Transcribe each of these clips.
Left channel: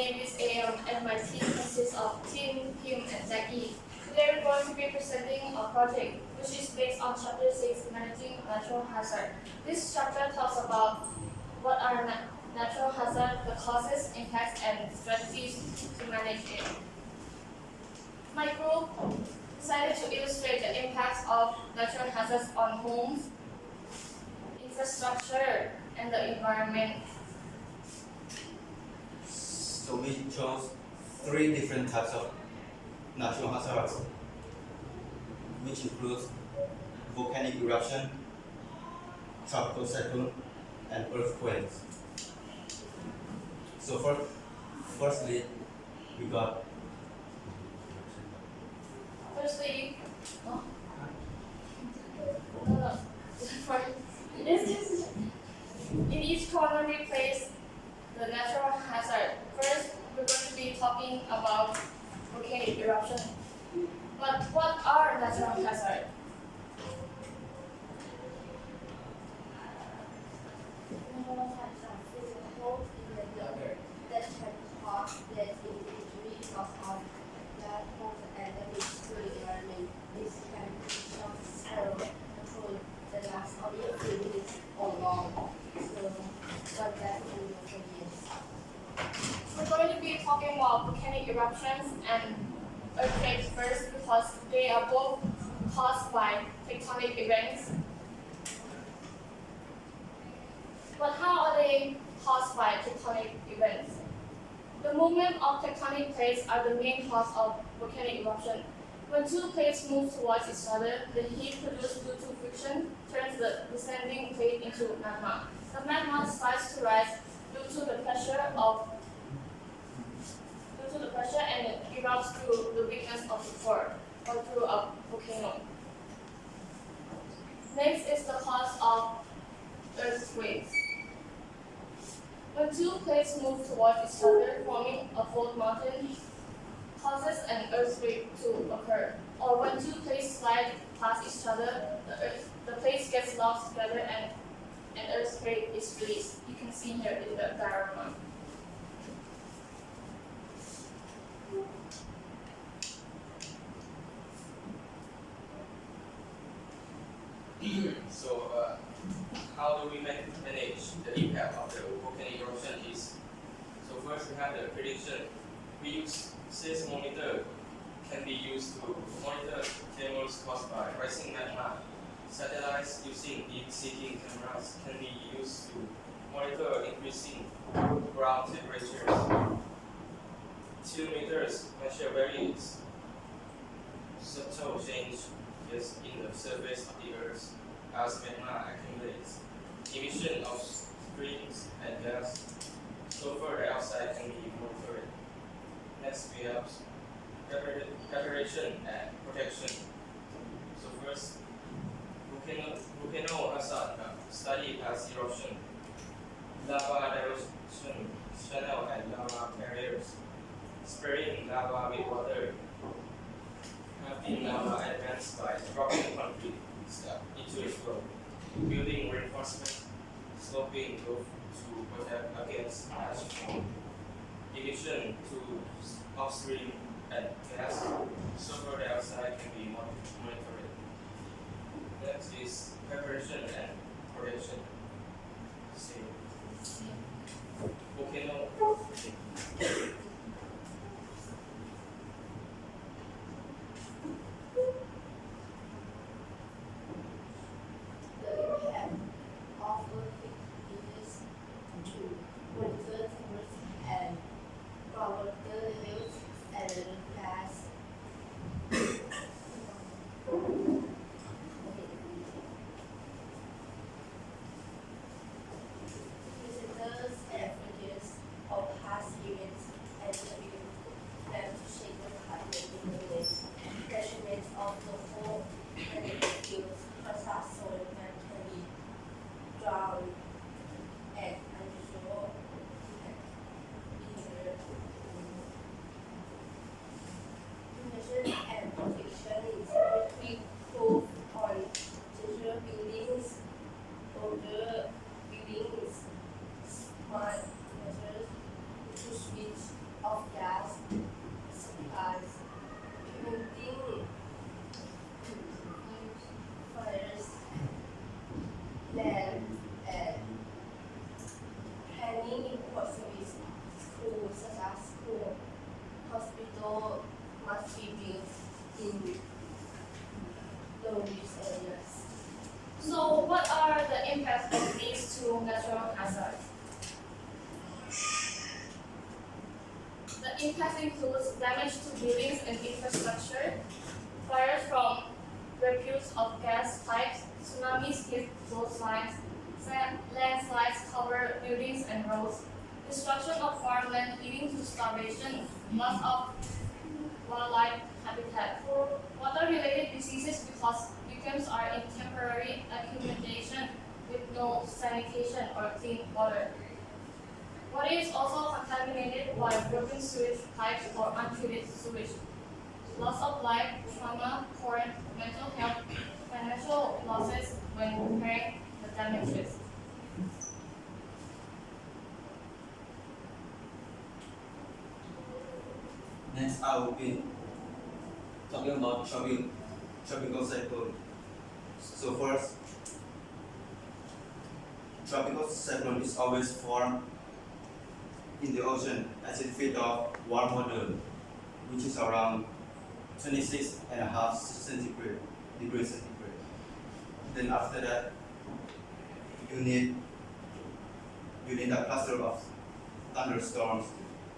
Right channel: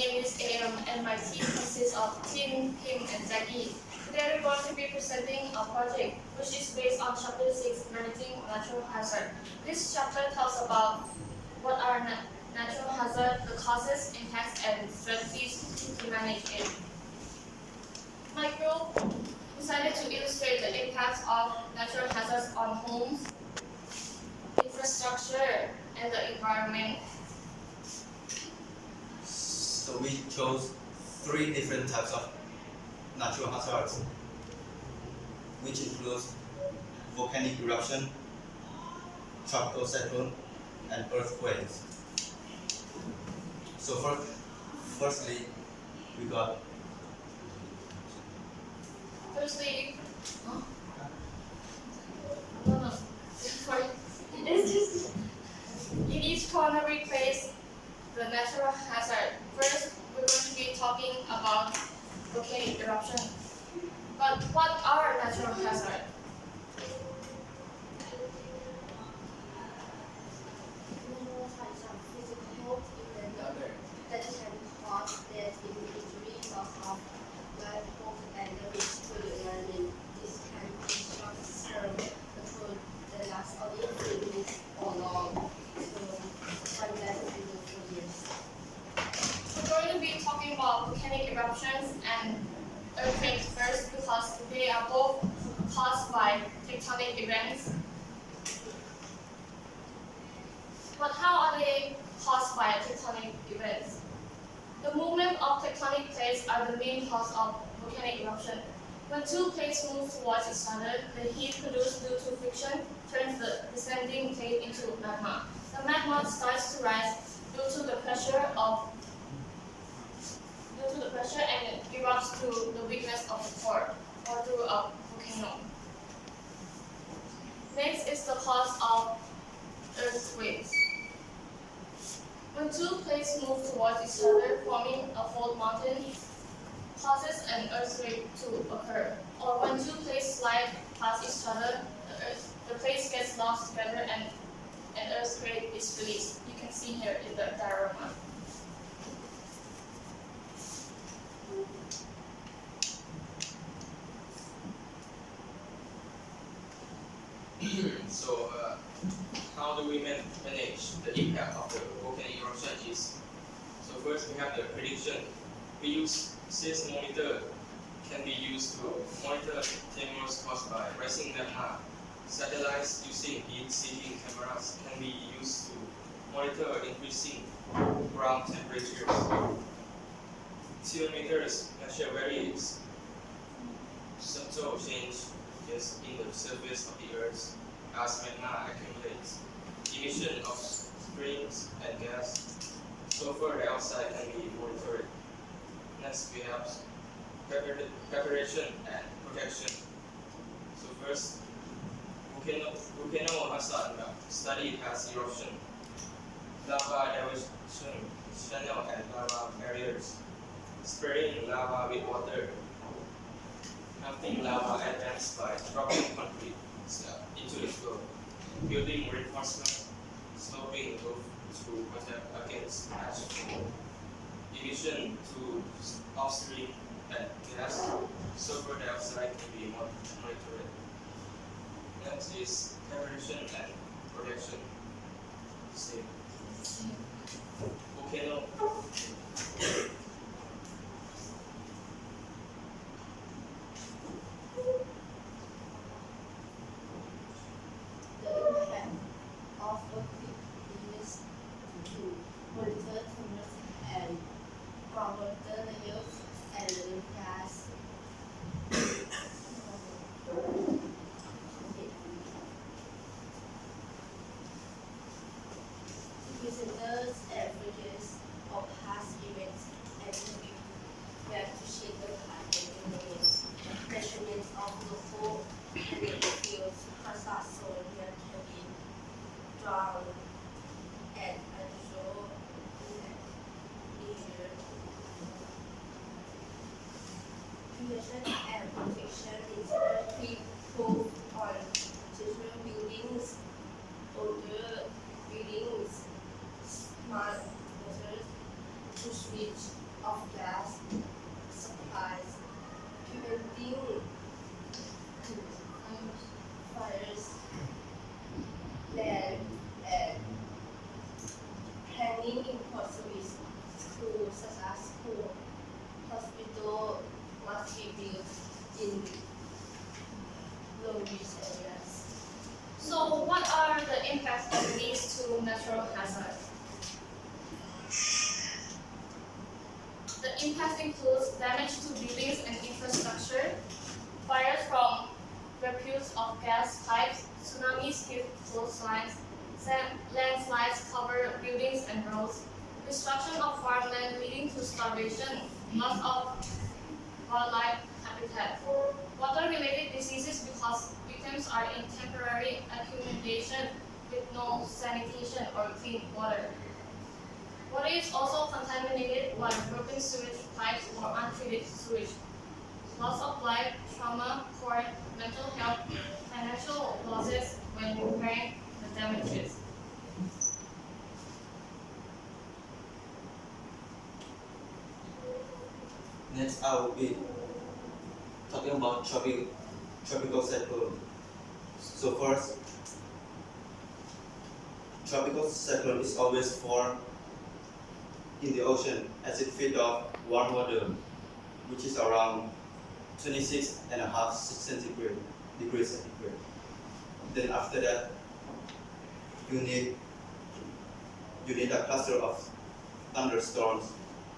name is AM and my team consists of Tim, Kim, and Jackie. Today we're going to be presenting a project which is based on Chapter 6, Managing Natural Hazard. This chapter talks about what are natural hazards, the causes, impacts, and strategies to manage it. My group decided to illustrate the impacts of natural hazards on homes, infrastructure, and the environment. So we chose 3 different types of natural hazards, which includes volcanic eruption, tropical cyclone, and earthquakes. So firstly, we got in each corner we place the natural hazard. First, we're going to be talking about volcanic eruption. But what are natural hazards? Normal types of physical events that can cause death, injury, loss of livelihood, and damage to the environment. This can be short-term control that lasts only a few minutes or long. So, one that will be for years. We're going to be talking about volcanic eruptions and earthquakes first because they are both caused by tectonic events. But how are they caused by tectonic events? The movement of tectonic plates are the main cause of volcanic eruption. When 2 plates move towards each other, the heat produced due to friction turns the descending plate into magma. The magma starts to rise due to the pressure and it erupts through the weakness of the core or through a volcano. Next is the cause of earthquakes. When 2 plates move towards each other, forming a fault mountain causes an earthquake to occur. Or when 2 plates slide past each other, the plates get locked together and an earthquake is released. You can see here in the diagram. So, how do we manage the impact of the volcanic eruption is, so first we have the prediction. We use seismometer, can be used to monitor tremors caused by rising magma. Satellites using heat-seeking cameras can be used to monitor increasing ground temperatures. Altimeters measure various subtle changes in the surface of the Earth as magma accumulates. Emission of springs and gas, sulfur dioxide can be monitored. Next, we have preparation and protection. So first, volcano hazard study past eruption, lava diversion channel and lava barriers, spraying lava with water, melting lava advanced by dropping concrete into the flow, building reinforcement, sloping roof to protect against ash fall, emission to upstream and gas, sulfur dioxide can be monitored. Next is preparation and protection. Same. Volcano. The impact of earthquake is to monitor tremors and groundwater levels and gas. Presenters averages of low-risk areas. So, what are the impacts of these two natural hazards? The impacts include damage to buildings and infrastructure, fires from reputes of gas pipes, tsunamis hit coastlines, landslides cover buildings and roads, destruction of farmland leading to starvation, loss of wildlife habitat, water-related diseases because victims are in temporary accumulation with no sanitation or clean water. Water is also contaminated by broken sewage pipes or untreated sewage. Loss of life, trauma, for mental health, financial losses when repairing the damages. Next, I will be talking about tropical cyclone. So first, tropical cyclone is always formed in the ocean as it feeds off warm water, which is around 26.5 degrees centigrade. Then after that, you need a cluster of thunderstorms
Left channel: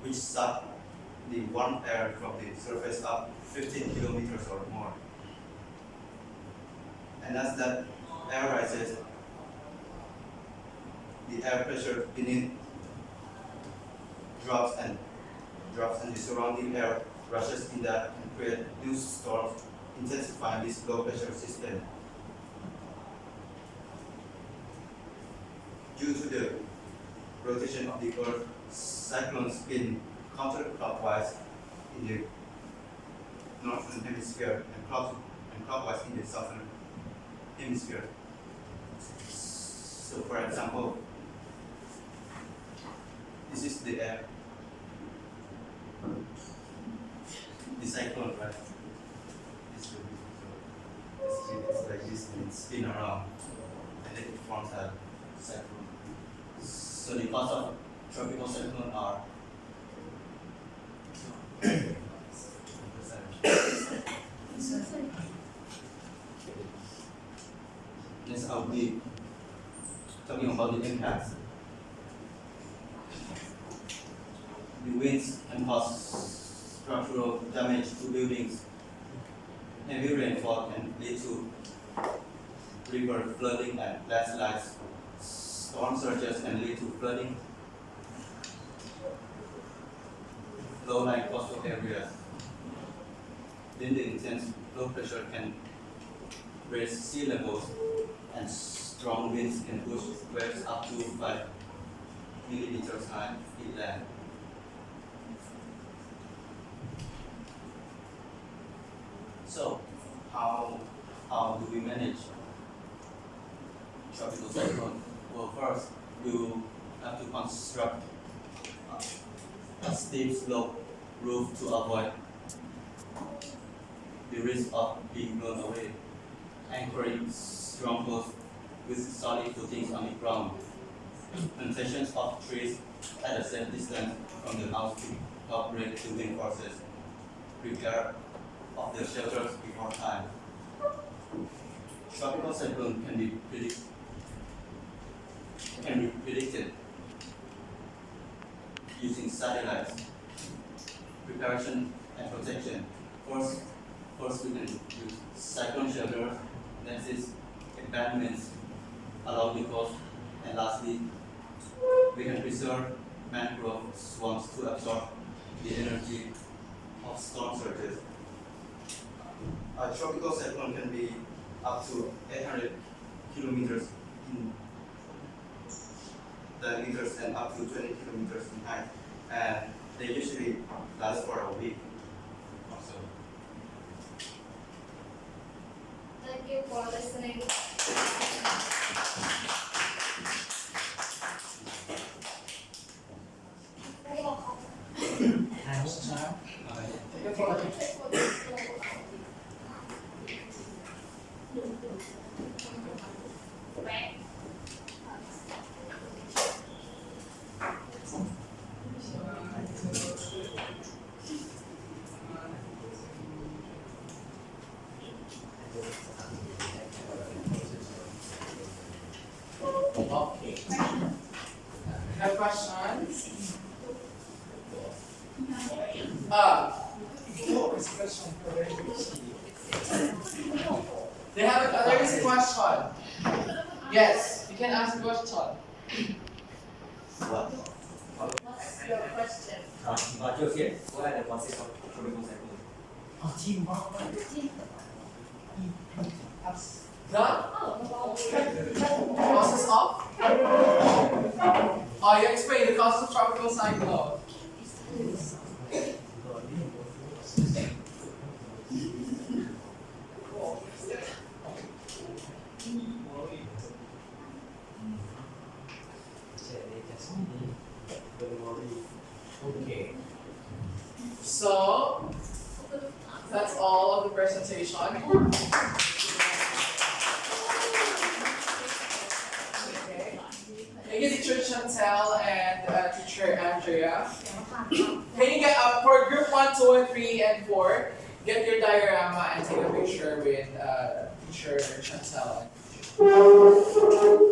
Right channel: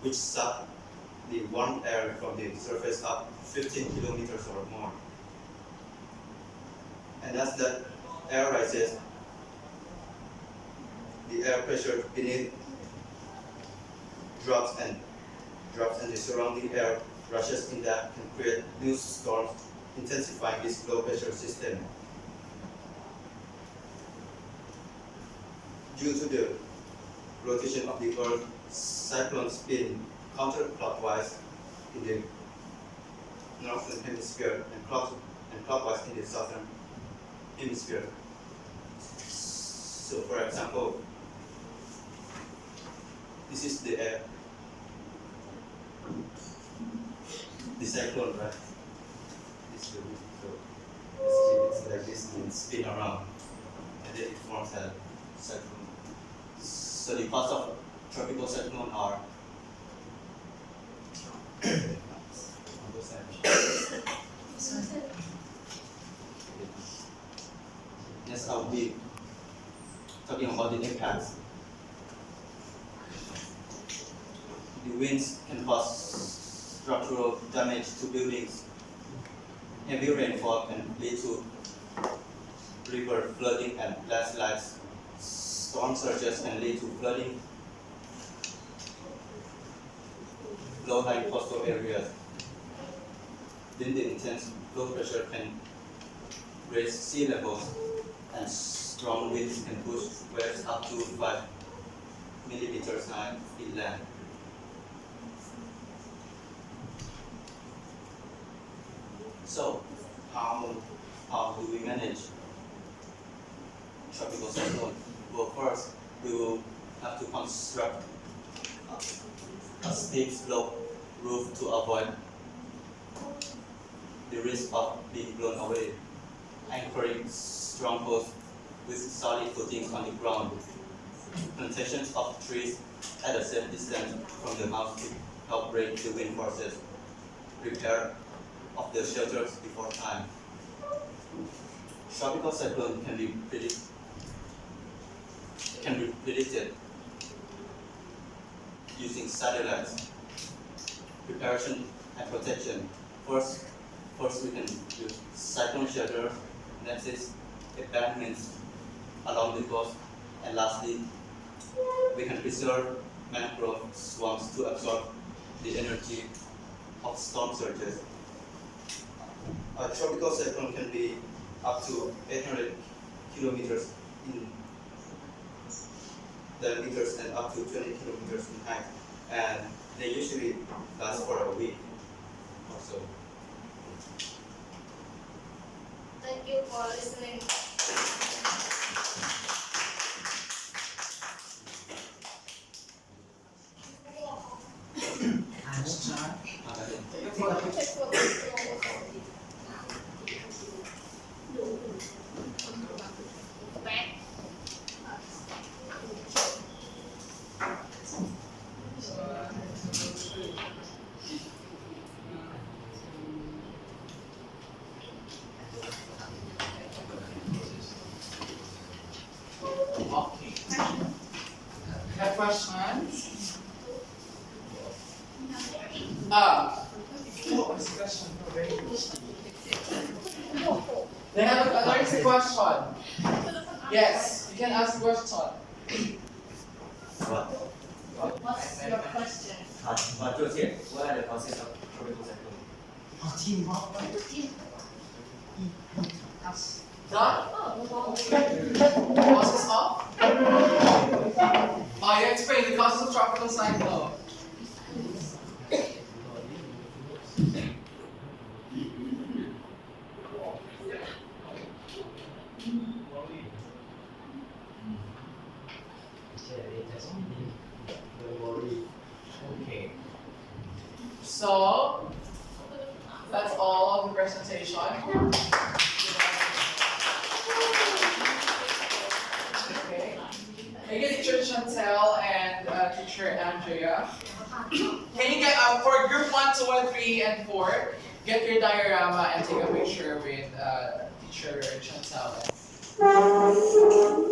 which suck the warm air from the surface up 15 kilometers or more. And as that air rises, the air pressure beneath drops and the surrounding air rushes in that and create new storms, intensifying this low pressure system. Due to the rotation of the Earth, cyclones spin counterclockwise in the northern hemisphere and clockwise in the southern hemisphere. So, for example, this is the air, the cyclone, right? This will be, so it's like this and spin around, and then it forms a cyclone. So the cause of tropical cyclone are Next, I'll be talking about the impacts. The winds can cause structural damage to buildings. Heavy rainfall can lead to river flooding and landslides. Storm surges can lead to flooding. Low-lying coastal areas. Then the intense low pressure can raise sea levels, and strong winds can push waves up to 5 millimeters high inland. So, how do we manage tropical cyclone? Well, first, we will have to construct a steep slope roof to avoid the risk of being blown away, anchoring strong posts with solid footings on the ground, plantations of trees at a safe distance from the house to help break the wind forces, repair of the shelters before time. Tropical cyclone can be predicted using satellites, preparation and protection. First we can use cyclone shelters, next is embankments along the coast, and lastly, we can preserve mangrove swamps to absorb the energy of storm surges. A tropical cyclone can be up to 800 kilometers in diameters and up to 20 kilometers in height, and they usually last for a week or so. Thank you for listening. Back. Okay. Have questions? What is the question? There is a question. Yes, you can ask a question. What's your question? What are the causes of tropical cyclone? The causes of? Oh, you explain the causes of tropical cyclone. Okay. So that's all of the presentation. Okay. Thank you, Teacher Chantel and Teacher Andrea. Can you get for group 1, 2, and 3, and 4, get your diorama and take a picture with Teacher Chantel.